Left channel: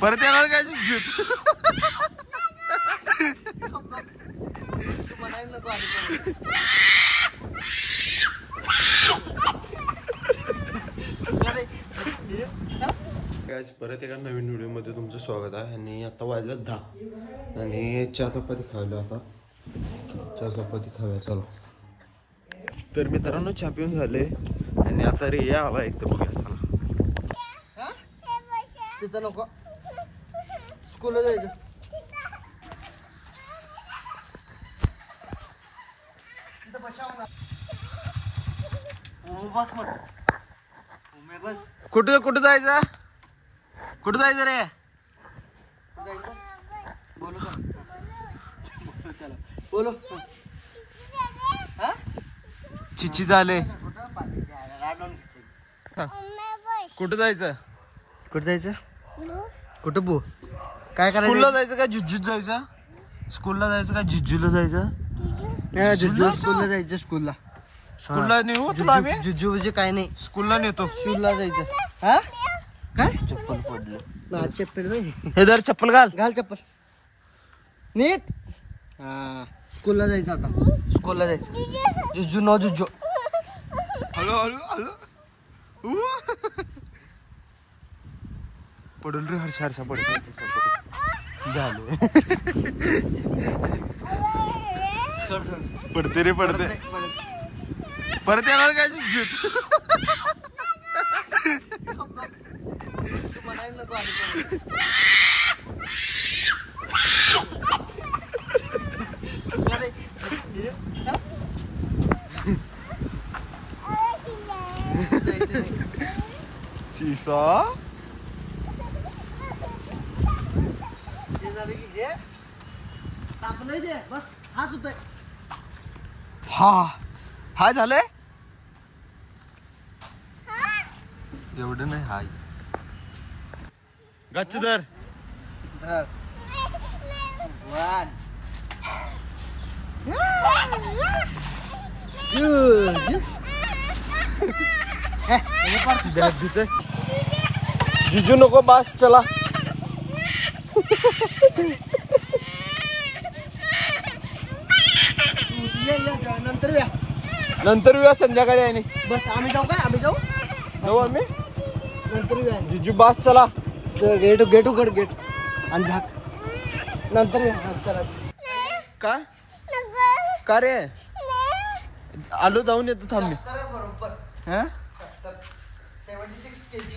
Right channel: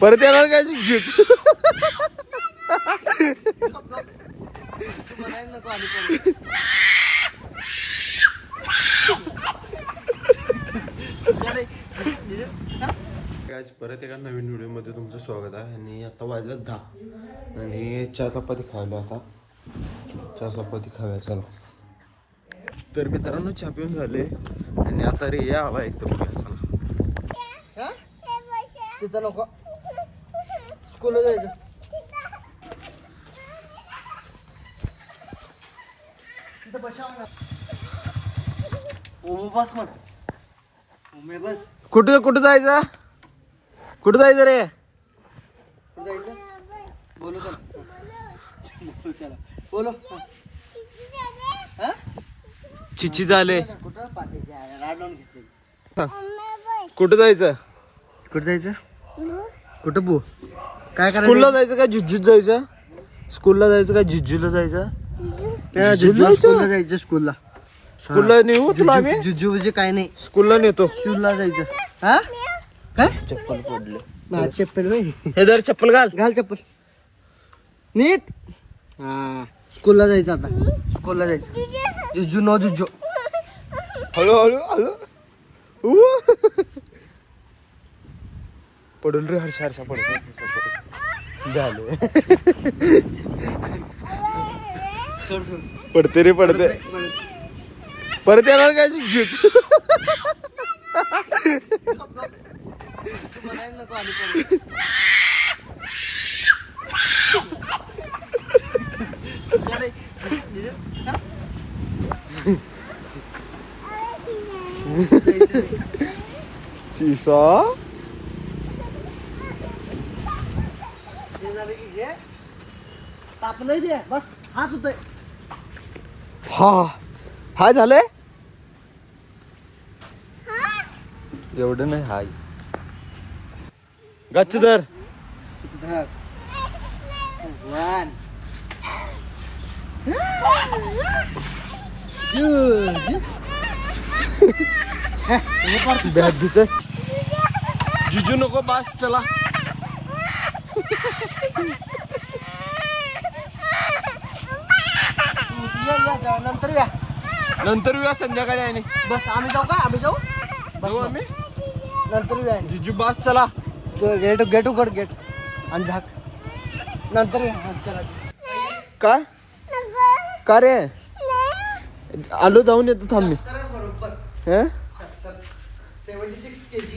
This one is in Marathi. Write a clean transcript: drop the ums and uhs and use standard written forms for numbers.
परत येणार काय झुट आज परत एका नवीन व्हिडिओ मध्ये तुमचं स्वागत आहे. आणि आता वाजलं 10 आणि चहा चपाती खायला. आता चहा चपाती खाव्या चला. तर मित्रांनो चहा पिऊन झाले आणि आता रे या आला एक तर बघूया चला. तिथं नको स्कूलला जायचं. बस म्हण बस. कुठं कुठं जायचं? कुठं जायचं रे? जायचं बोलो चला बोलो. चिची झाले. कुठं पाठी राडून घेतली. कुठं जायचं? कुठं जायचं? कुठं बो काय करायचं? स्कूलला जायचं का झुज्जूत जायचं? स्कूलला जायचं का झुज्जूला जायचं? स्कूलला जायचं. स्कूलला नेऊ तुला आम्ही? जुजू म्हणजे काय नाही. स्कूलला नेतो. स्कूलला जायचं. हा काय चप्पल पडलं. चप्पल बाई हे दर चप्पल घाल. घाल चप्पल नीट. हा स्कूलला जायचं. आता स्कूलला जायचं. जुजू नो जुजू. हळू हळू हळू पडून रे. हर्षा हर्षा पडतो झालो. पडते रे पडते. परत येणार काय झुट शिसा तापलंय दे बस. हाच होतोय. हा हाय झालंय. एवढं नाही हाय. गच्च दर. जिजू नको बस चला. नंतर येऊया संध्याकाळी. आणि बस आम्ही जाऊ का? आम्ही जाऊ आम्ही नंतर येऊया. जिजू बस चला. गेट उघड गेट आणि झाक. नंतर चला. का का रे? आलो जाऊन येतो थांब मी. 76 kg